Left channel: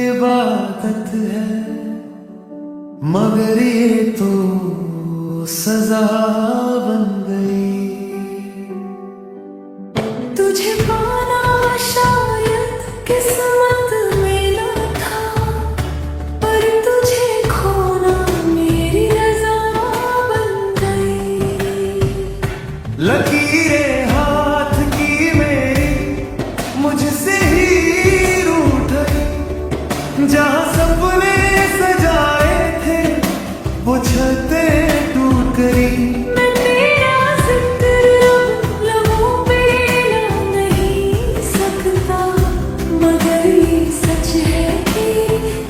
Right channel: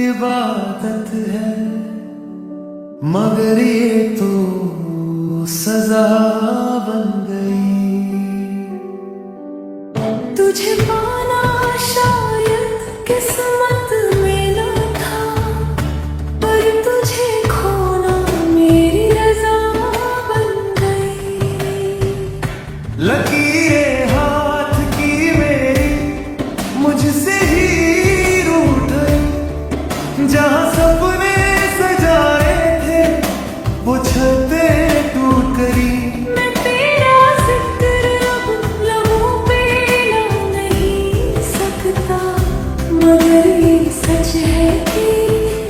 इबादत है, मगर ये तो सजा बन गई। तुझे पाना शायद किस्मत में ना था, पर तुझे खोना मेरी रज़ा बन गई। लकीरें हाथ की मेरी मुझसे ही रूठ गई, जहां सपने सजाए थे वो छतें टूट गई। मैं तेरा जिक्र अब लबों पे ला नहीं सकता, मगर ये सच है कि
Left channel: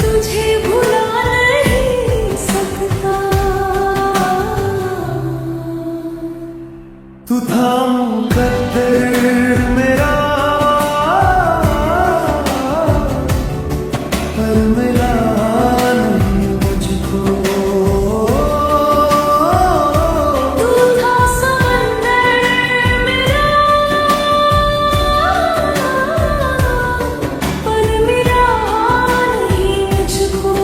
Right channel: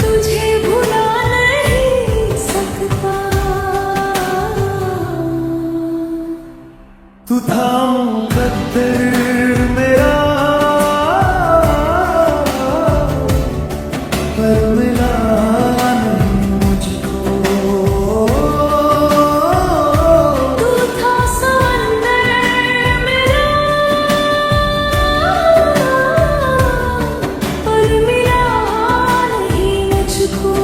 तुझे भुला नहीं सकता। तू था मुकद्दर मेरा, पर मिला नहीं मुझको। तू था समंदर मेरा, पर मिला नहीं मुझको।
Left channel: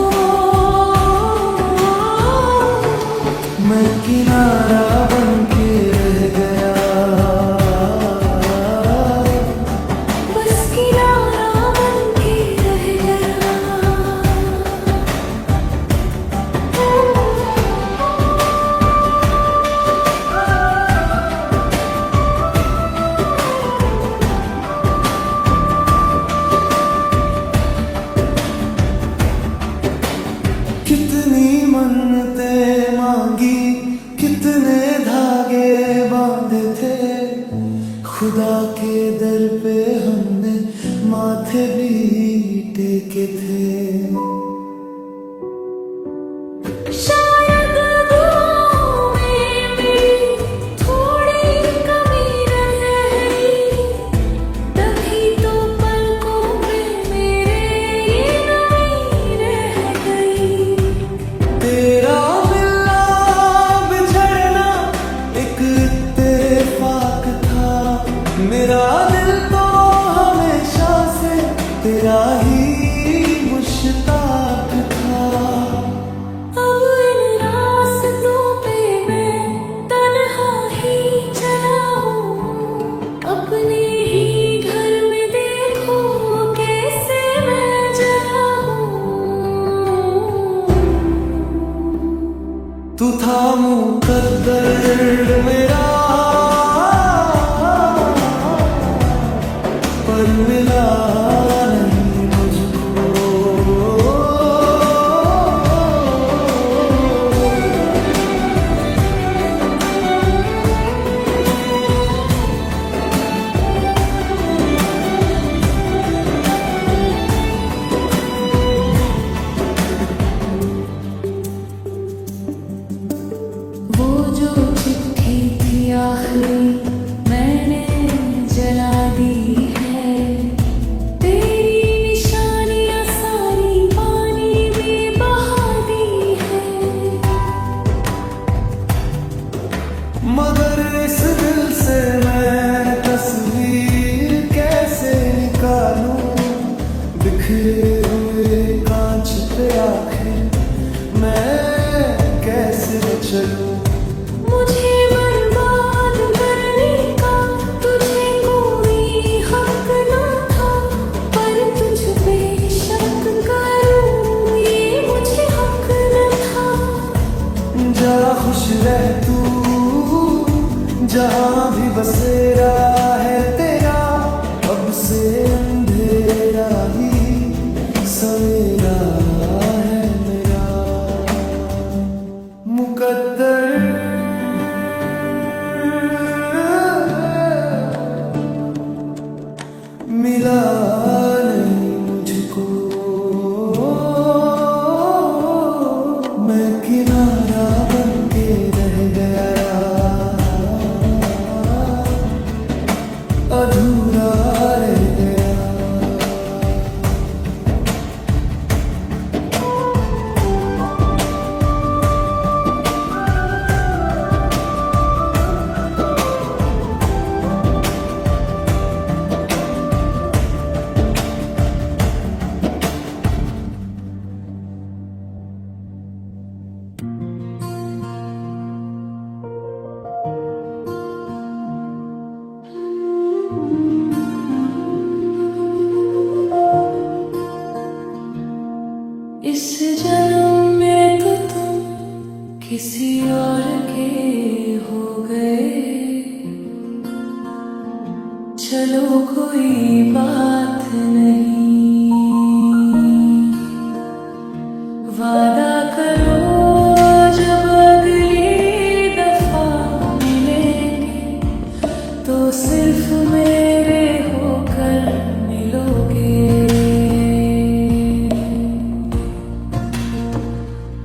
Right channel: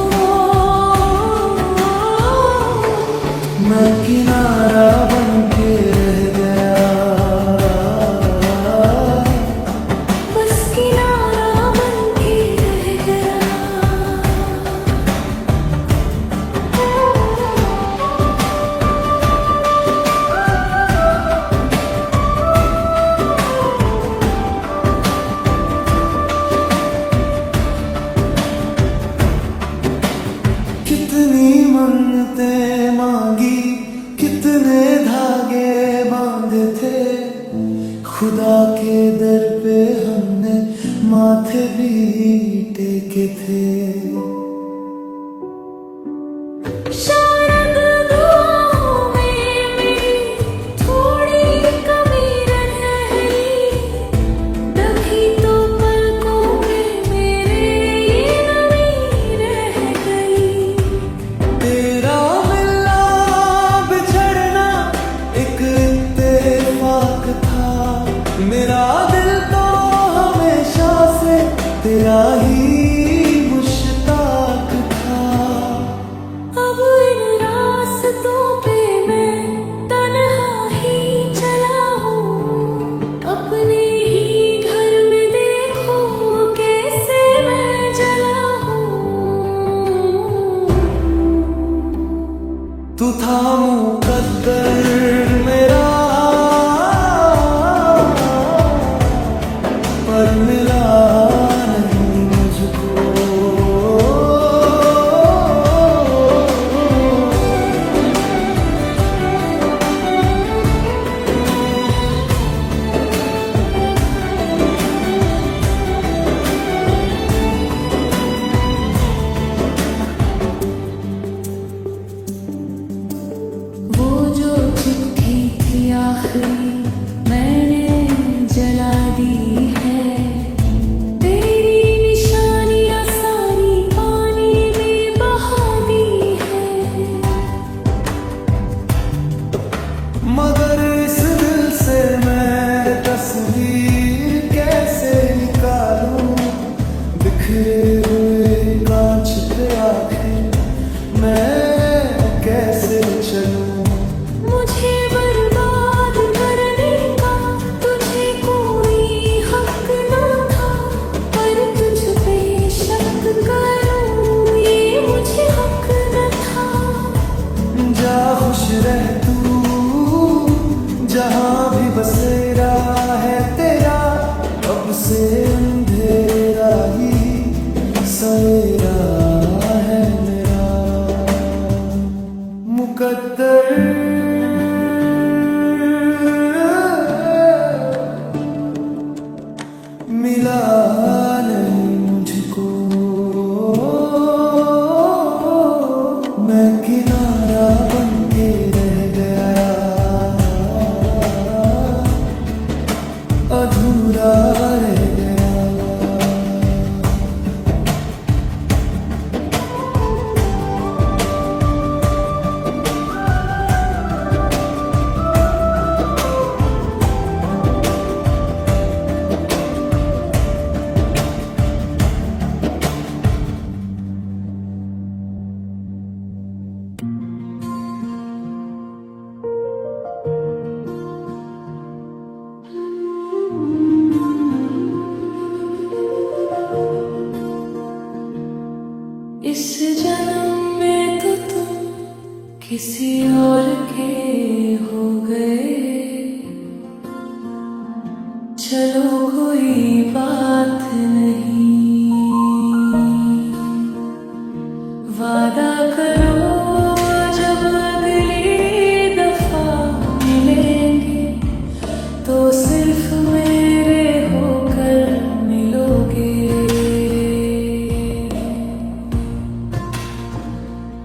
मैं किनारा बन के रह गया, बस किनारा बन के रह गया। कितनी मन्नतें मांगी, कितने धागे बांधे थे, खुदा के दर पे हमने माथे भी टेके थे। शायद दुआओं में मेरी थोड़ी कमी रह गई, तभी तो पलकों में मेरे ये नमी रह गई। तेरा मिलना बिछड़ना एक इत्तेफाक था, मेरा दिल तो हमेशा से तेरा ही मुश्ताक था। अब इन रास्तों पे मैं तन्हा ही चला हूँ, अपने ही घर में देखो कैसे मैं जला हूँ। तू था मुकद्दर मेरा, पर मिला नहीं मुझको। वो जो चिट्ठी थी आखिरी मैंने जला दी है, तेरी निशानियां सारी पानी में बहा दी है। मगर इस दिल से मैं तस्वीर कैसे निकालूं, बिखरे हुए कांच पे आखिर मैं कैसे चलूं। मुझे बर्बाद करने का तुझे कोई हक न था, पर तुझ पे शक करूं ये मुझे हक न था। जा खुश रह तू जहां भी बसेरा है तेरा, अब से अंधेरा ही सवेरा है मेरा। मुकद्दर मिला नहीं मुझको, मैं किनारा बन के रह गया, अधूरा रह गया। इस जन्म में तो तुम किसी और के हो गए। चलो कोई बात नहीं, वादा करो जब अगली दफा मिलेंगे तो सिर्फ मेरे होकर मिलोगे।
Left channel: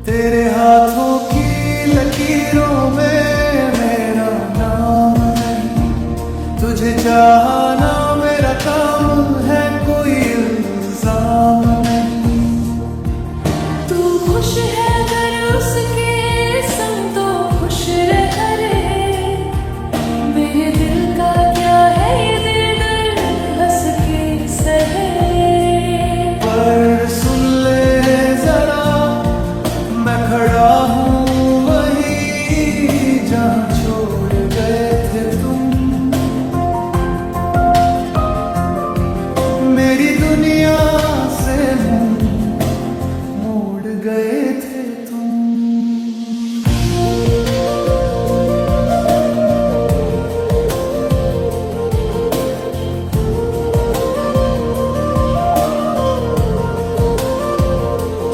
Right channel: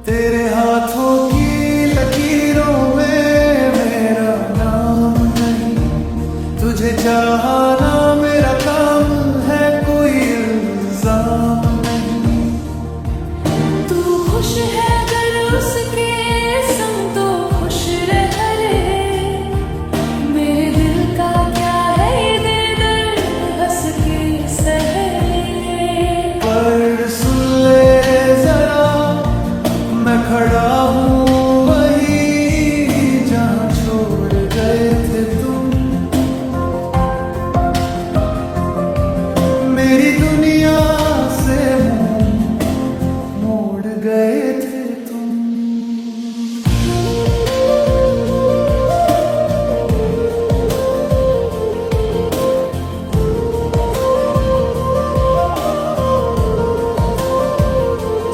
तेरे हाथों की लकीरों में मेरा नाम नहीं, तुझे चाहना मेरा काम है, कोई इल्जाम नहीं। तू खुश है अगर उसके संग तो खुश रह रे। मेरे दिल का क्या है ये दर्द हंस के सह ले। पर सुन ले जरा, मैं खड़ा हूँ वहीं जहाँ छोड़ गए थे तुम। मेरी दुनिया से मुंह मोड़ गए थे तुम।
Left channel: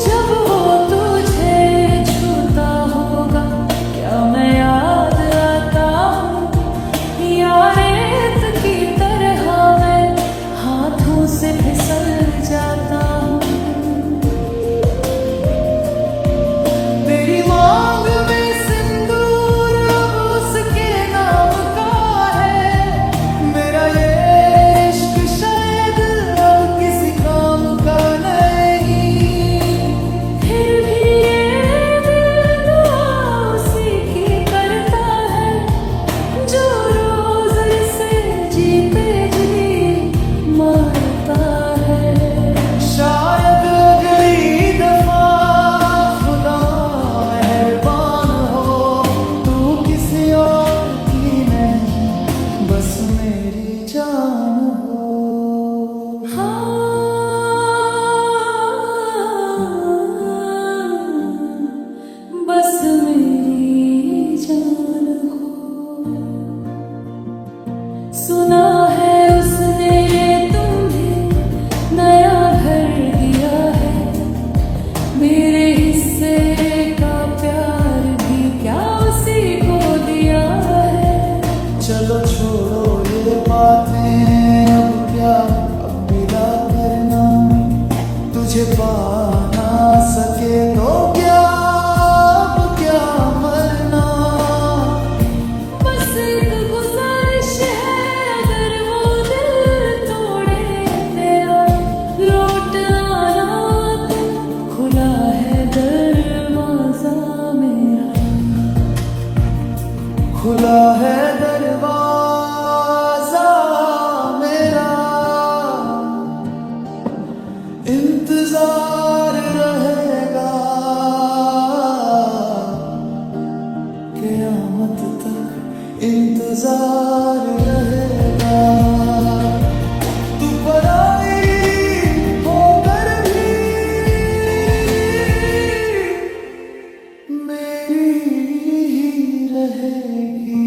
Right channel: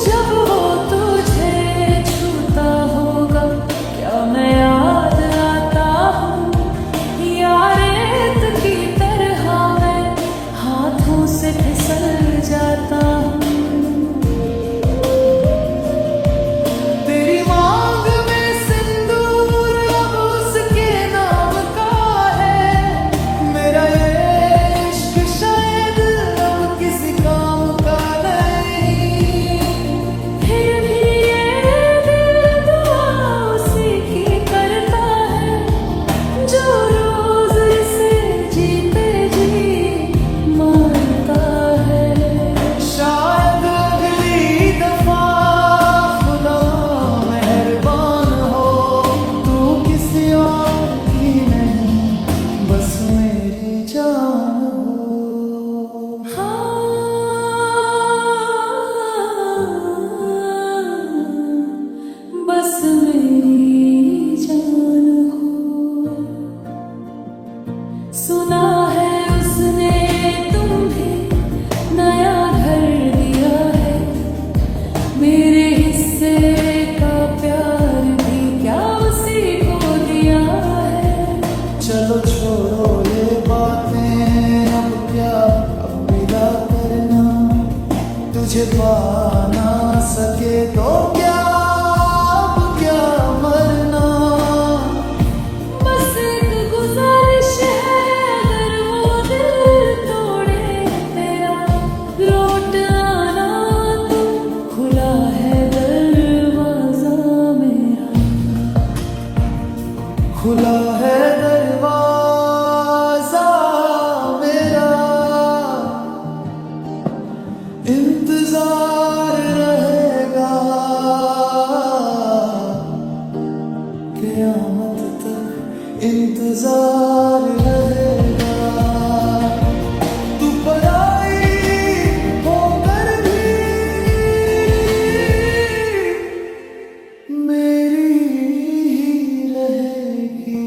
जब वो तुझे छूता होगा क्या मैं याद आता हूँ, या रेत की तरह मैं हाथों से फिसल जाता हूँ। तेरी मांग में सिंदूर अब उसके नाम का है, मेरा ये इश्क शायद अब किसी काम का नहीं। फिर भी ये दिल दुआ उसी की करता है जो रोज इसे जीते जी मारता है। शायद अगली दफा खुदा मेहरबान हो, तू किसी और की नहीं बस मेरी जान हो। हाँ, बस मेरी जान हो। सुना है उसने तुम्हें नया घर दिया है, मेरे हिस्से का प्यार भी क्या उसी को दिया है। चलो छोड़ो ये बातें अब क्या, अब मिला करना। तुझे पा ना सके तो क्या, अब क्या मरना। बस एक गुजारिश है अगर वो दिल तोड़े तेरा, लौट आना तुम, खुला है दरवाजा मेरा। खुला है दरवाजा मेरा, इंतजार रहेगा क़यामत तक, इंतजार रहेगा। तू पराई होकर भी मेरी ही रहेगी।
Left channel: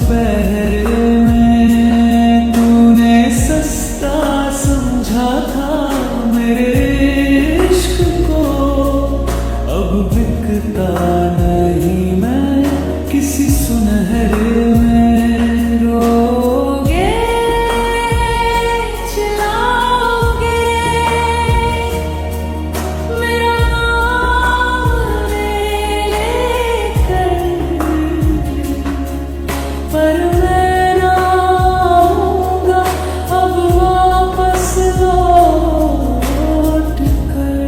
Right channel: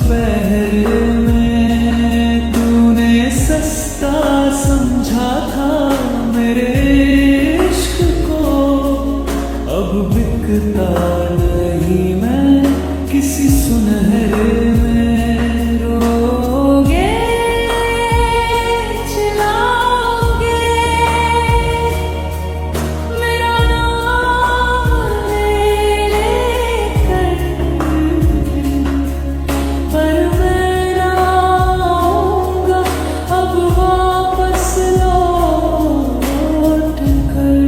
पहर में तूने सस्ता समझा था मेरे इश्क को, अब बिकता नहीं मैं किसी सुनहरे में। रोगे चिल्लाओगे मेरा नाम ले लेकर, पर मैं ना आऊंगा अब वापस लौट कर।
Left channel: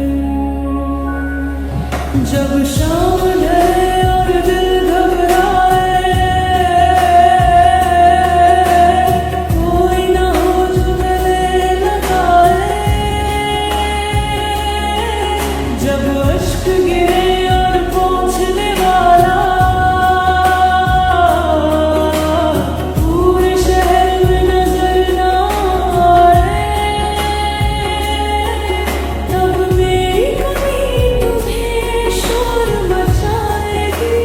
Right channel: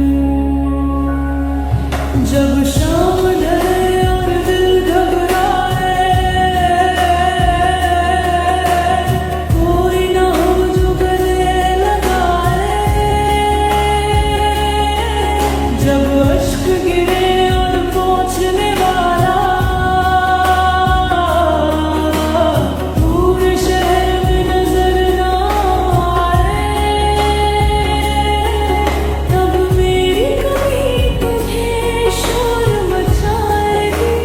जब शाम ढले और दिल घबराए, कोई ना हो जो गले लगाए। जब अश्क गिरे और पहुंचने वाला पूरे शहर में नजर ना आए, तब मेरी कमी तुम्हें शोर मचाएगी।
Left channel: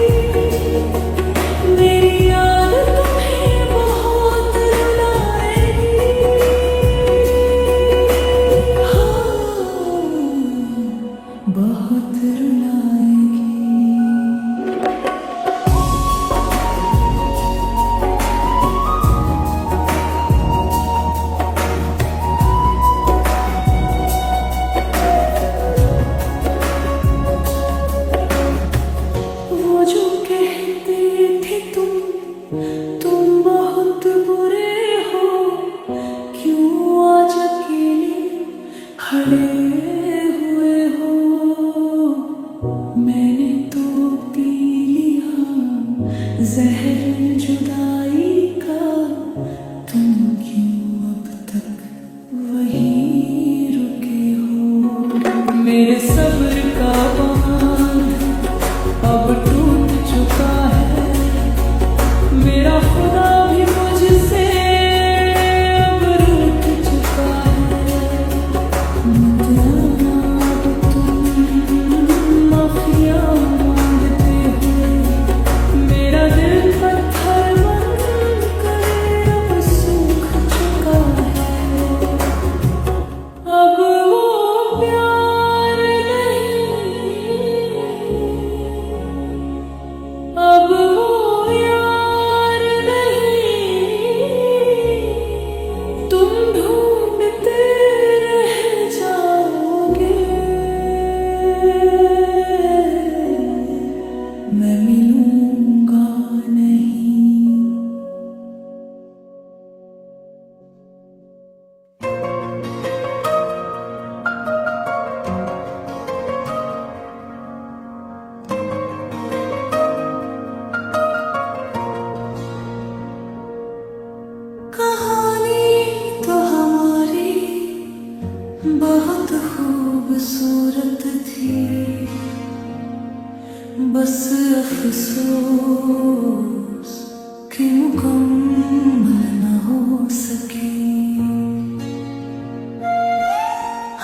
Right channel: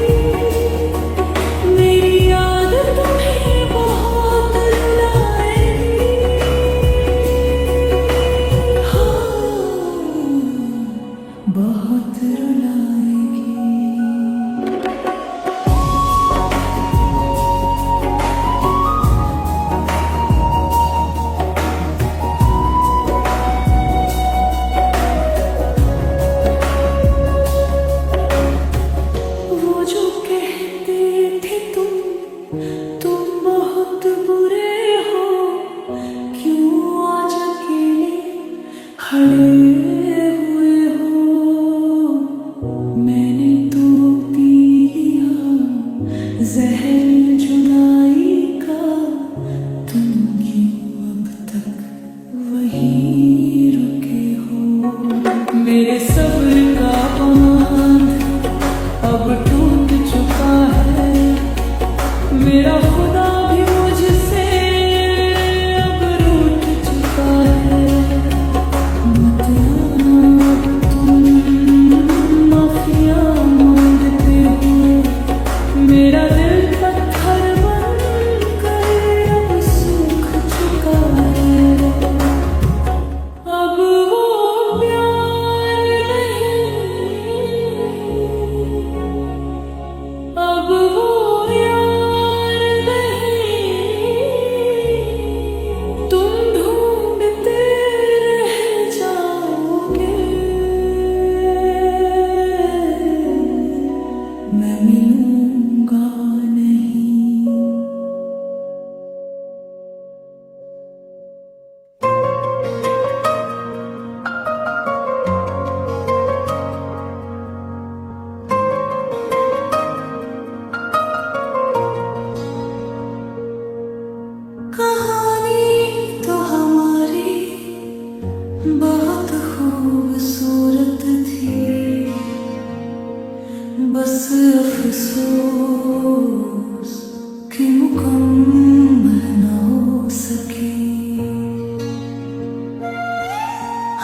मेरी याद तुम्हें बहुत रुलाएगी। हाँ, बहुत रुलाएगी। वो जो कहते थे तुम बहुत बुरे हो, क्यों आज अकेले खड़े हुए हो। मैंने तो पी लिया जहर जुदाई का, तुम क्यों अब तक वहीं रुके हो। मेरे सब्र का बांध अब टूट चुका है, मेरा खुदा भी मुझसे अब रूठ चुका है। मत आना अब तुम माफिया मांगते हुए, मेरा दिल पत्थर बनकर अब सूख चुका है। अब वो प्यार नहीं, अब वो यार नहीं, तुम ढूंढते रह जाओगे। मैं मिलूंगा नहीं। कहानी तो हमारी बहुत खूबसूरत थी, बस अफसोस कि मुकम्मल न हो सकी।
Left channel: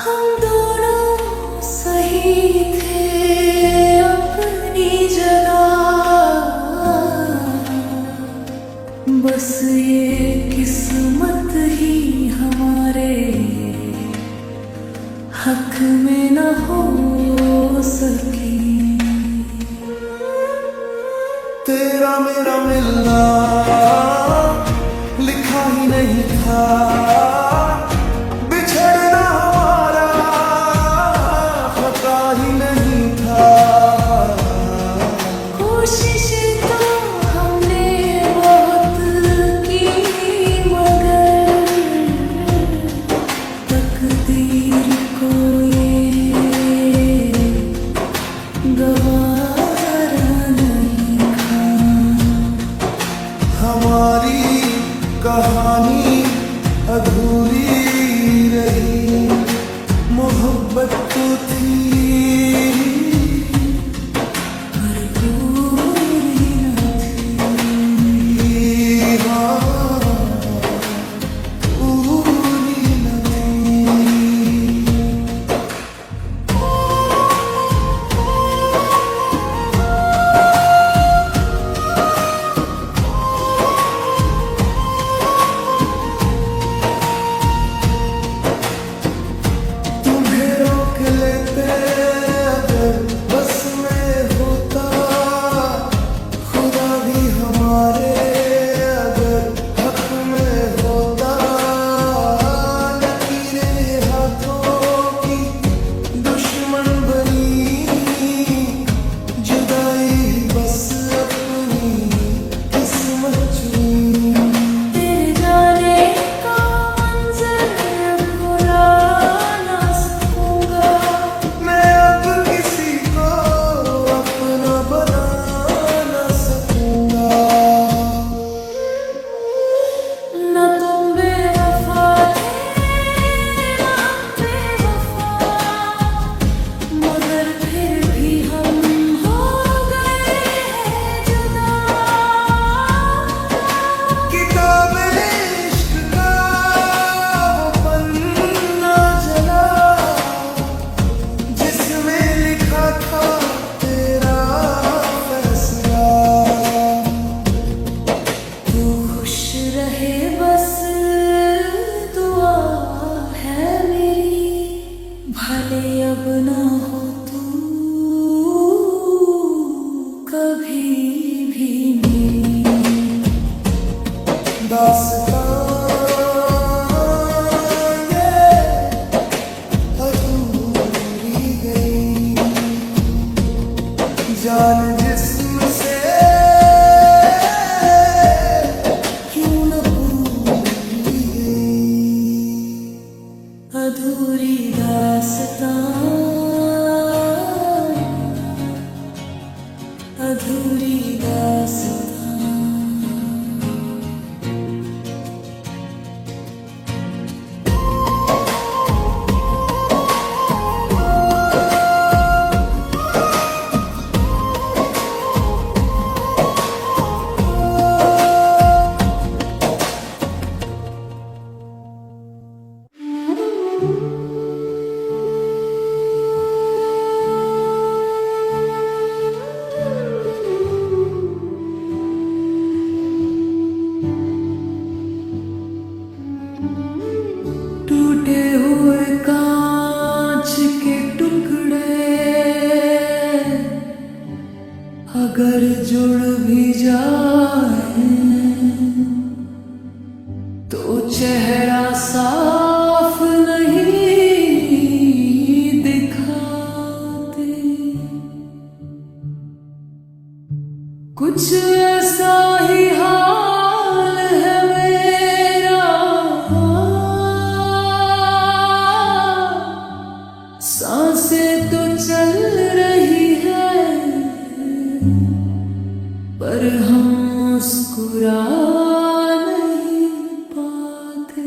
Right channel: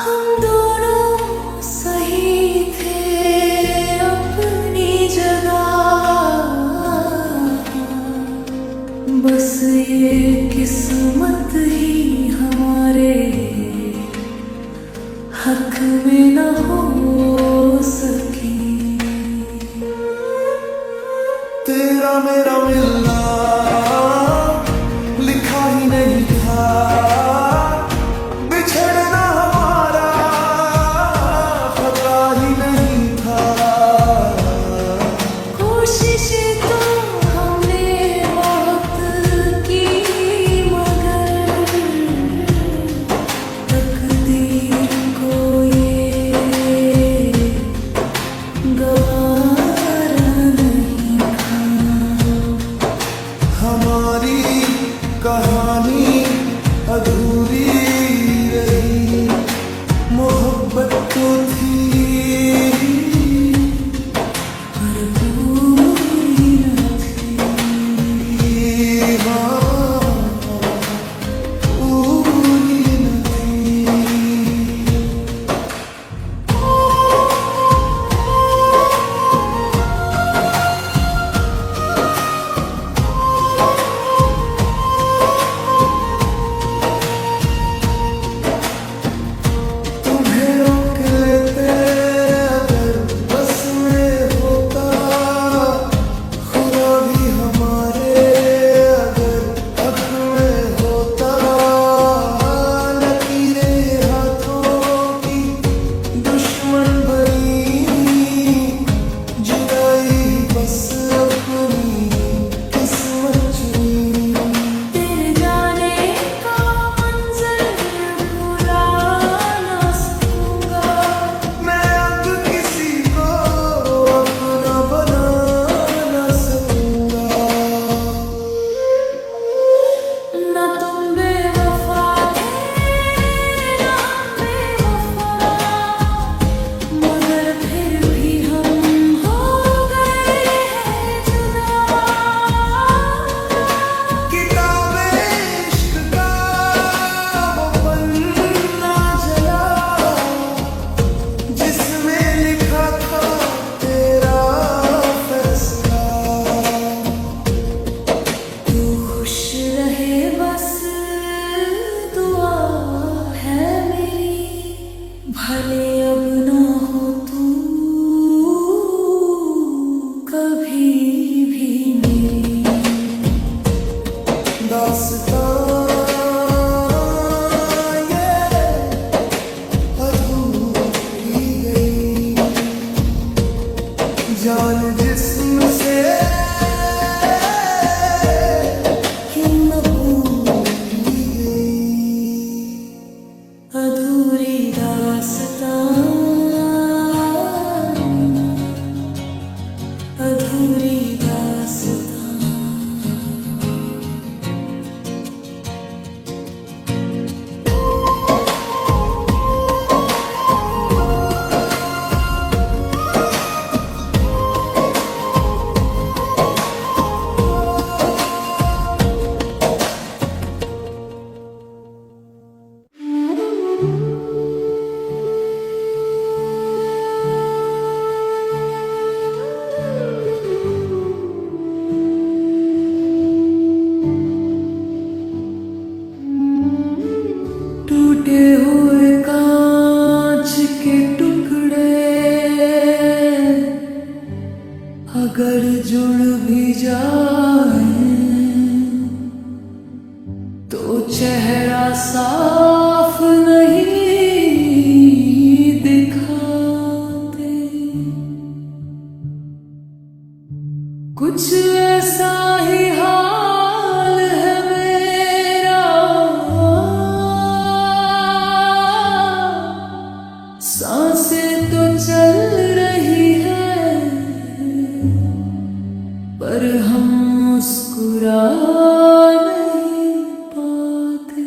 हम दोनों सही थे अपनी जगह, बस ये किस्मत ही हमारे हक में न हो सकी। तेरा मेरा मिलना लिखा ही नहीं था, बिछड़ना हमारा खता ही नहीं था। कोशिश तो हमने बहुत की, मगर तकदीर को ये गवारा नहीं था। हमारी कहानी अधूरी रही, मोहब्बत तो थी पर पूरी न थी। हाँ, पूरी न थी। हमारे अगर हक में होता, लकीरें हाथों की दुश्मन बनी, जुदाई बस अपनी किस्मत चुनी। तेरे जाने का मंजर भुला ना सकूंगा, मैं अब किसी को अपना बना ना सकूंगा। न तुम बेवफा थे न हम बेवफा, मगर फिर भी हम हो गए हैं जुदा। किताबे इश्क का वो पन्ना जला, जिसमें लिखा था तेरा फैसला। तू खुश रहे बस दुआ है मेरी, भले अब ना हो तू कभी भी मेरी। दास्तां ये अधूरी गई, जान जिस्म से क्यों न भूली गई। अधूरी दास्तां, अधूरी दास्तां। टूटे हुए कांच के टुकड़े अगर जुड़ भी जाए तो चेहरा साफ नहीं दिखाते। कुछ ऐसा ही हाल है मेरा, सांसें तो चल रही है पर हम मुस्कुरा नहीं पाते।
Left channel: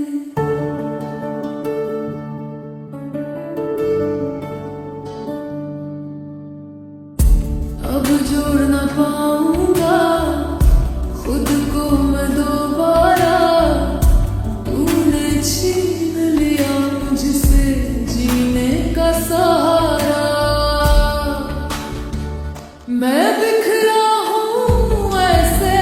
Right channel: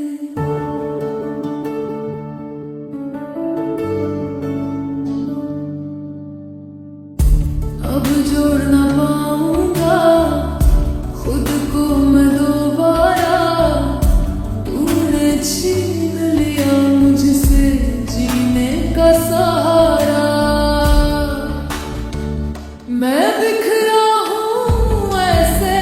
अब जोड़ ना पाऊंगा खुद को मैं दोबारा, तूने छीन लिया मुझसे जीने का सहारा। मैं बिखरा हूँ ऐसे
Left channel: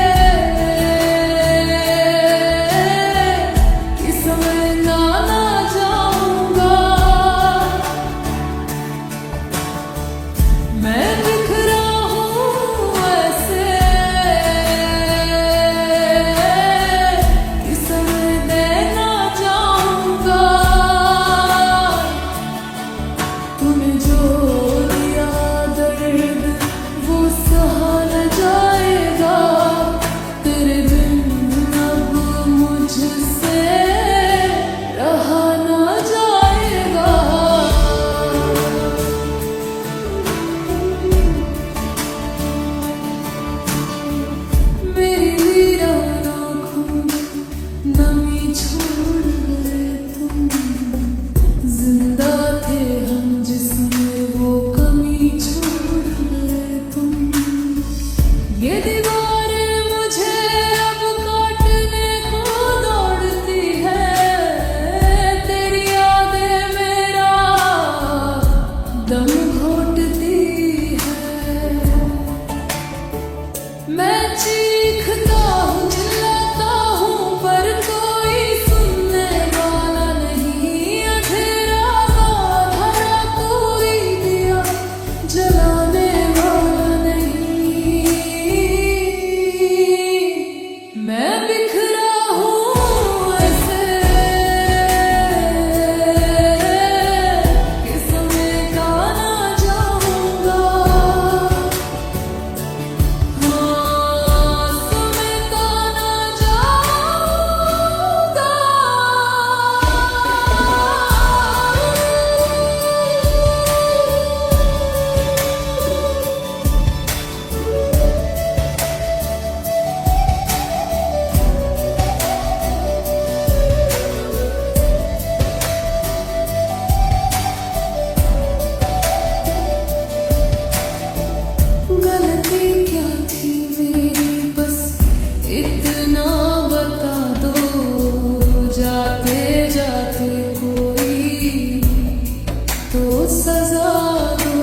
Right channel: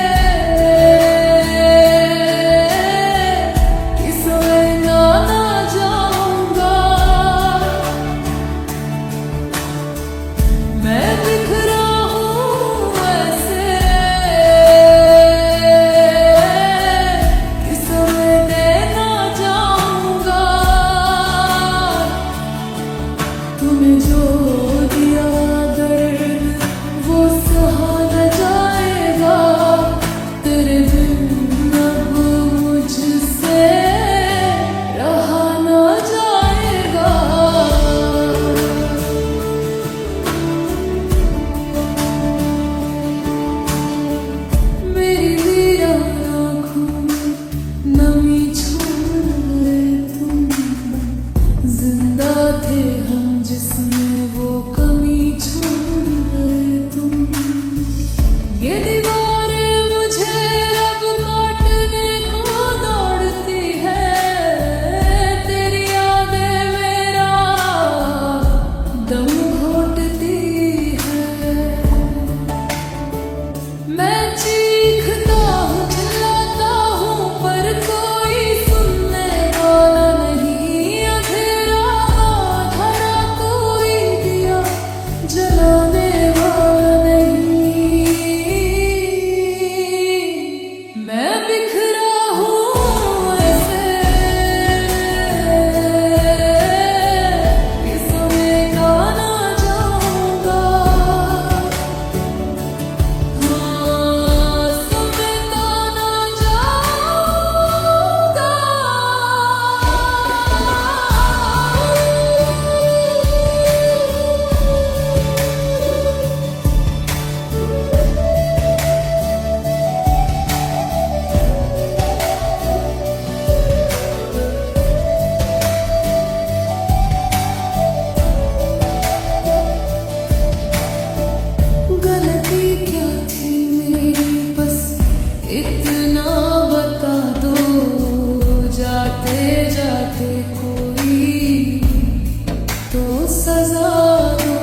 इतना बता दो जाते जाते कोई तो सजा दो।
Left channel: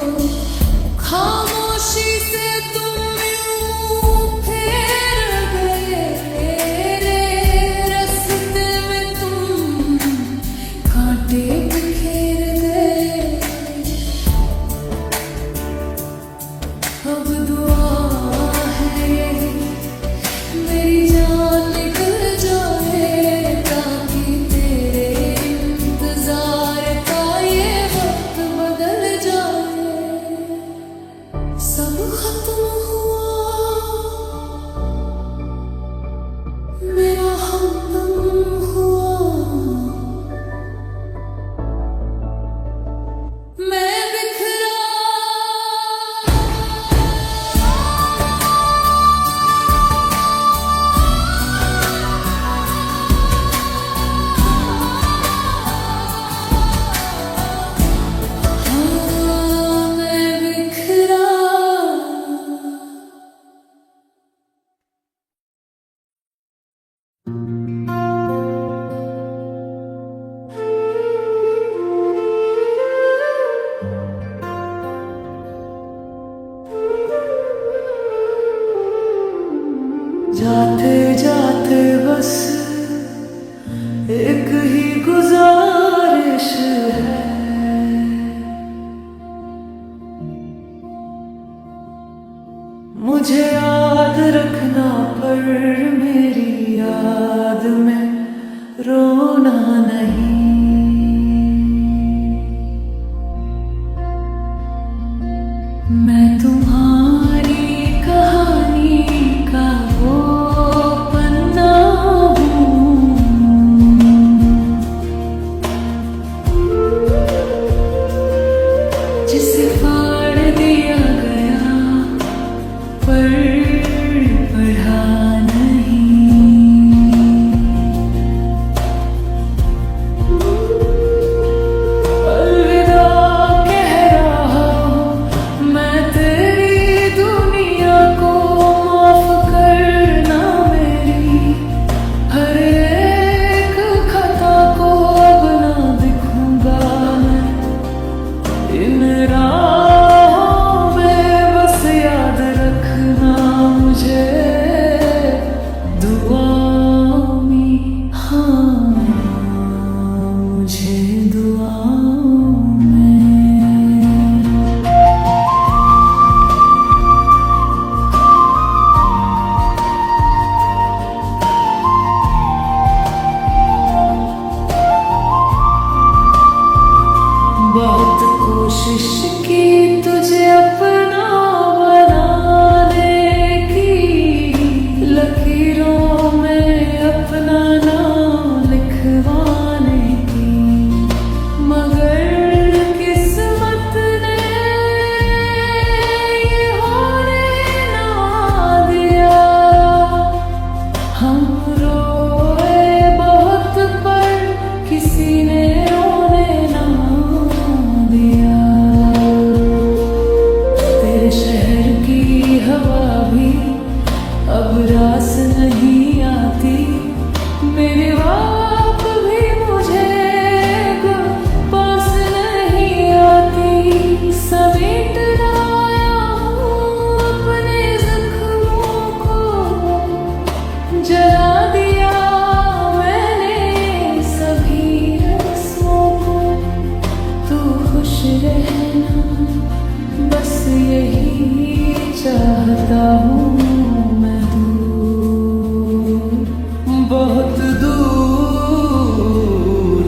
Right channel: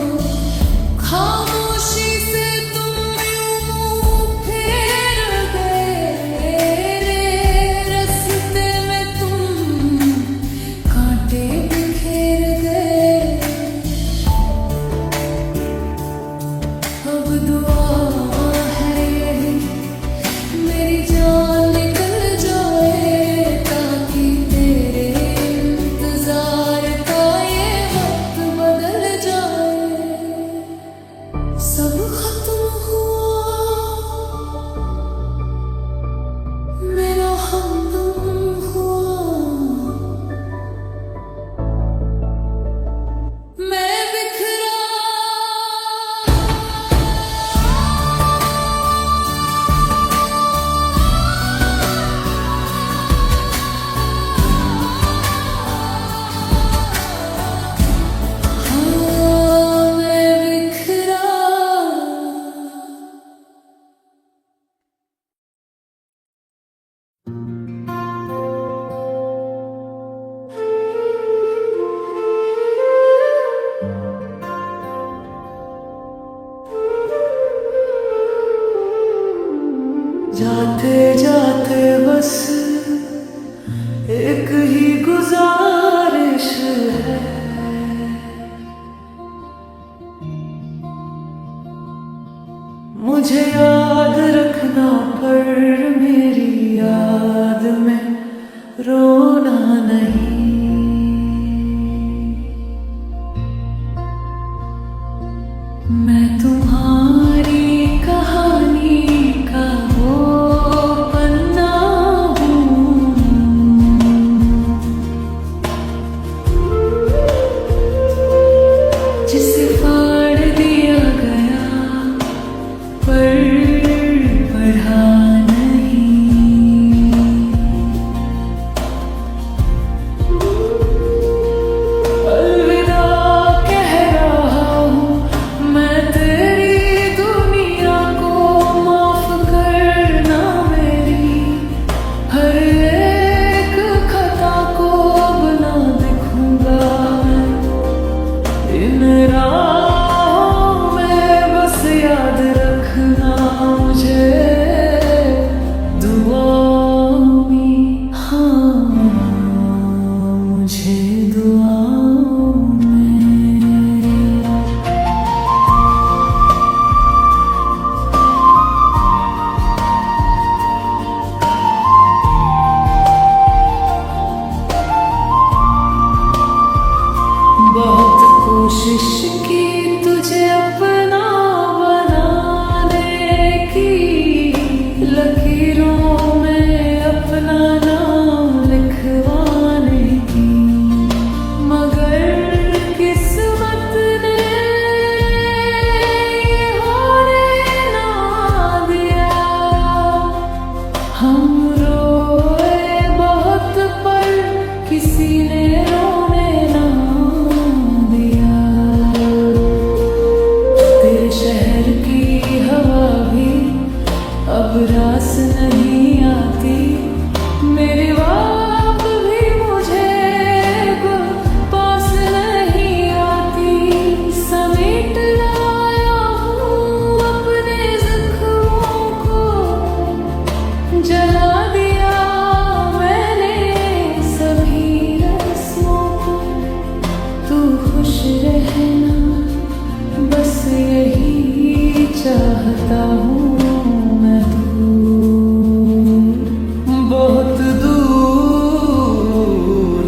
खामोशी से तुम यूं मुंह फेर गए, रास्ते में तुम कांटे बिखेर गए। अब दुआ है यही मेरी जान निकल जाए, ताकि तेरे इंतजार का ये वक्त बदल जाए। सब खत्म हुआ मेरा हमदम हुआ, मैं बिखरा। हाँ मैं बिखरा। जाते जाते बस एक ही गुजारिश है, मुझे याद रखना पर मेरी याद में रोना नहीं। मैं तुम्हारी कहानी का वो पन्ना हूँ जिसे फाड़ दिया गया पर पढ़ा नहीं। अलविदा कह रहा हूँ मैं तेरी दुनिया को, माफ करना मेरी हर एक खता को। अब ना दिखूंगा मैं इन राहों में, बस याद रखना मुझे दुआओं में। हाँ मुझे दुआओं में। बहुत कोशिश की तुझे अपना बनाने की, लकीरों में अपना नाम लिखवाने की, मगर किस्मत ने ये होने ना दिया। हम रोए बहुत पर किसी ने रोने ना दिया। तेरे शहर की हवा भी अब रास नहीं आती, मेरी बात भी मुझे पास नहीं आती। समेट लाया हूँ अपने जख्मों को, जला दिया मैंने सभी रस्मों को। तू खुश रहना बस यही चाहता हूँ मैं। दूर बहुत दूर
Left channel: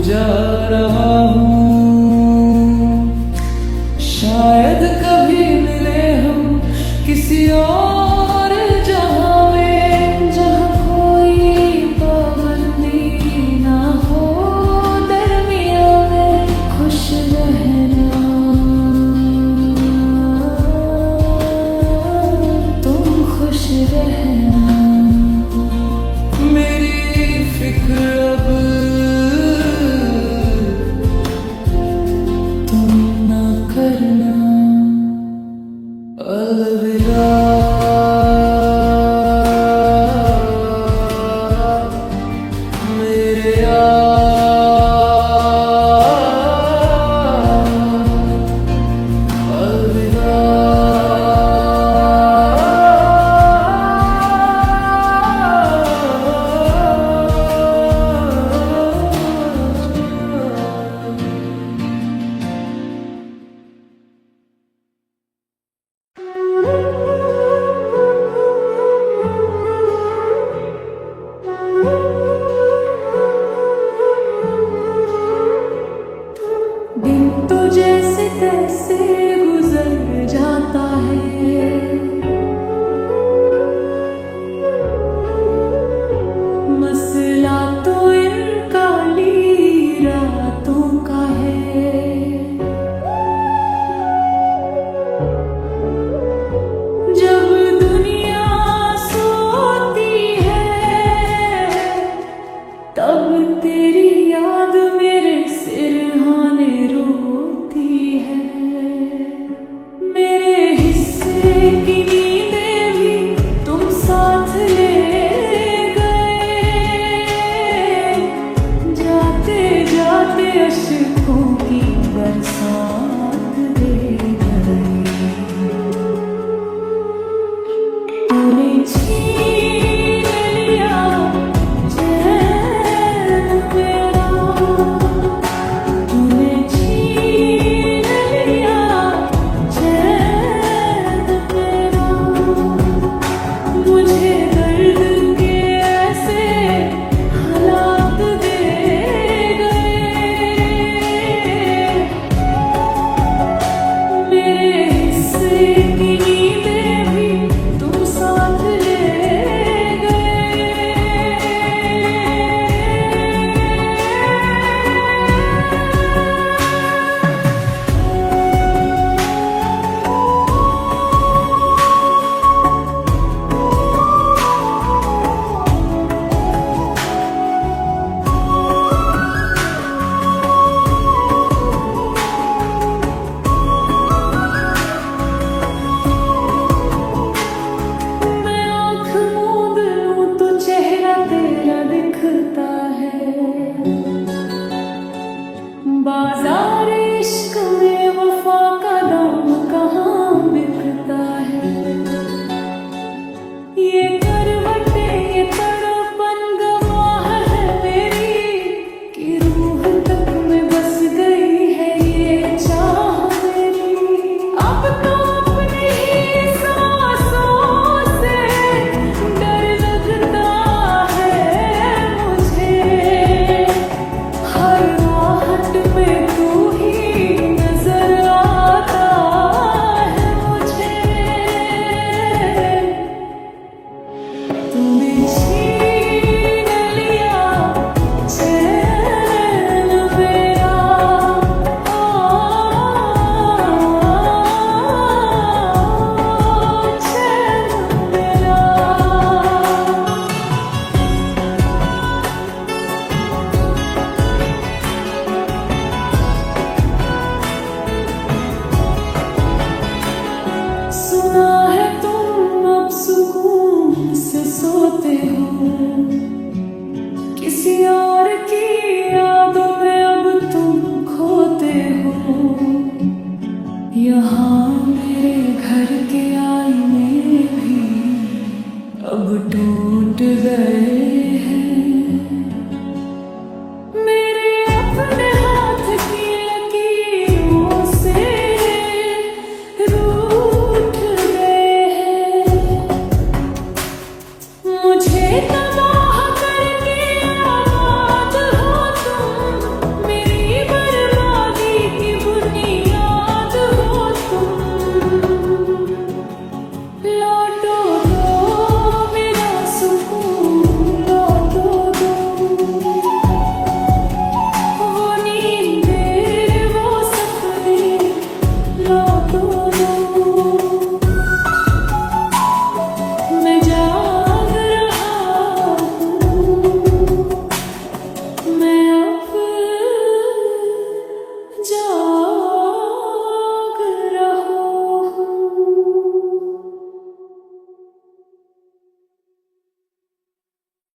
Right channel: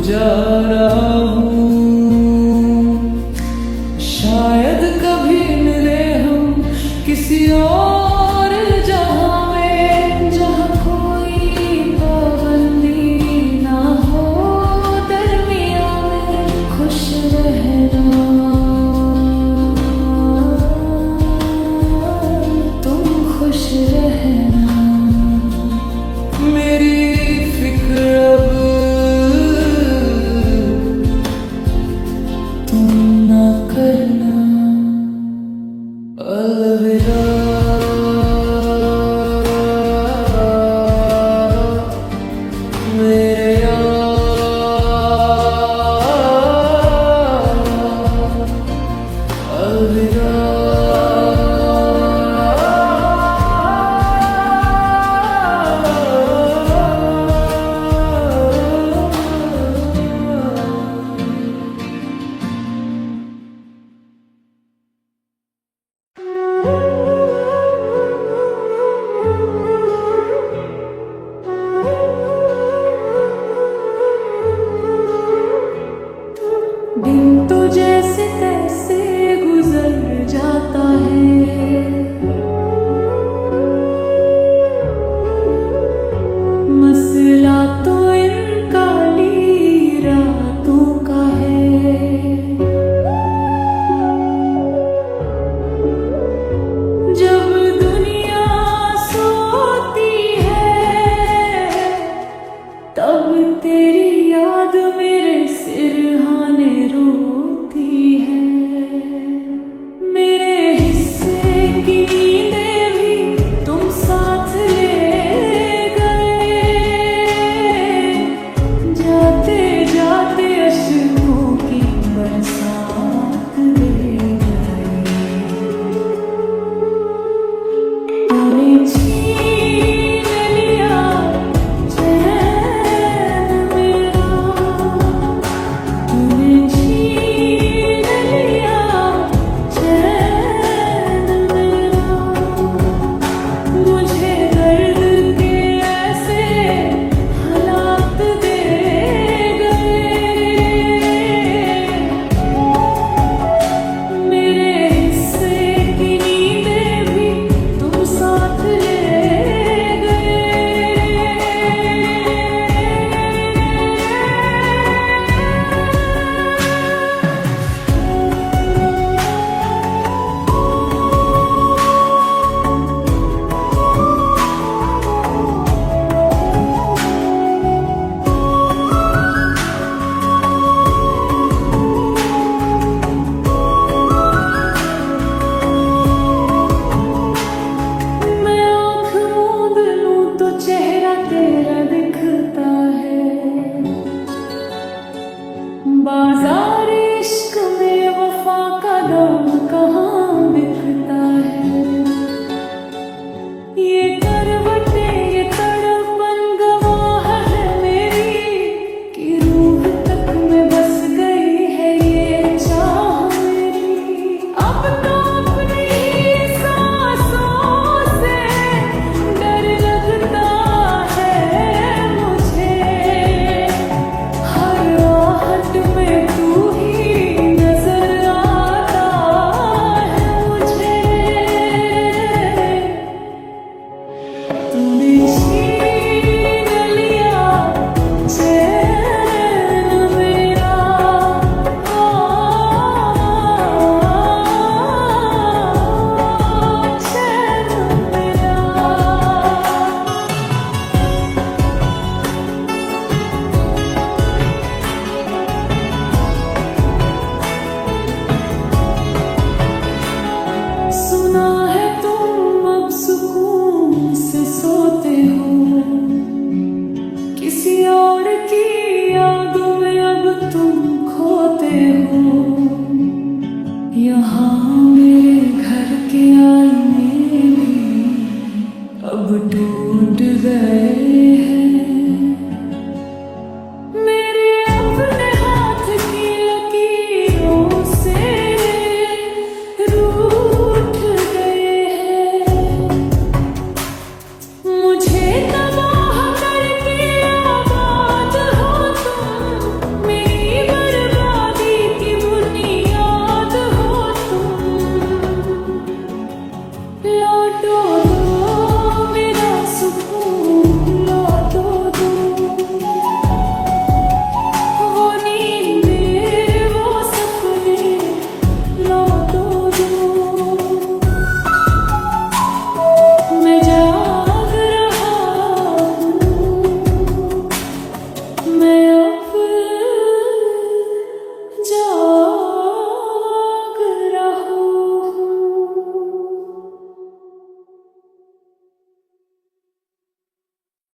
जा रहा हूँ, शायद कभी मिले हम किसी और जहाँ में, जहाँ कोई पाबंदी ना हो दरमिया में। खुश रहना तुम, खुश रहना। मेरी फिक्र अब तुम ना करना। अलविदा। बरसात दे गई। तूने छीन लिया चैन मेरा, तूने छीन लिया चैन मेरा। मुझे दर्द के ऐसे हालात दे गए, मेरे हिस्से की नींदें भी तुम साथ ले गए। मैं आँख मूंद लूं तो चेहरा तेरा दिखता है। बाजार इश्क में वफा का दाम कहाँ बिकता है। ये करवटे ये तड़पन गवाह है मेरी, कि रूह तक में बस गई है ये चाह मेरी। अब तो अपनी ही सांसों से डर लगता है मुझे, हर आहट में तू ही नजर आता है मुझे। तूने छीन लिया चैन मेरा, चैन मेरा। सुना है तुम अब सुकून से सोते हो, किसी और की यादों में अब तुम खोते हो। यहाँ मेरे घर के आईने भी अब टूट गए हैं।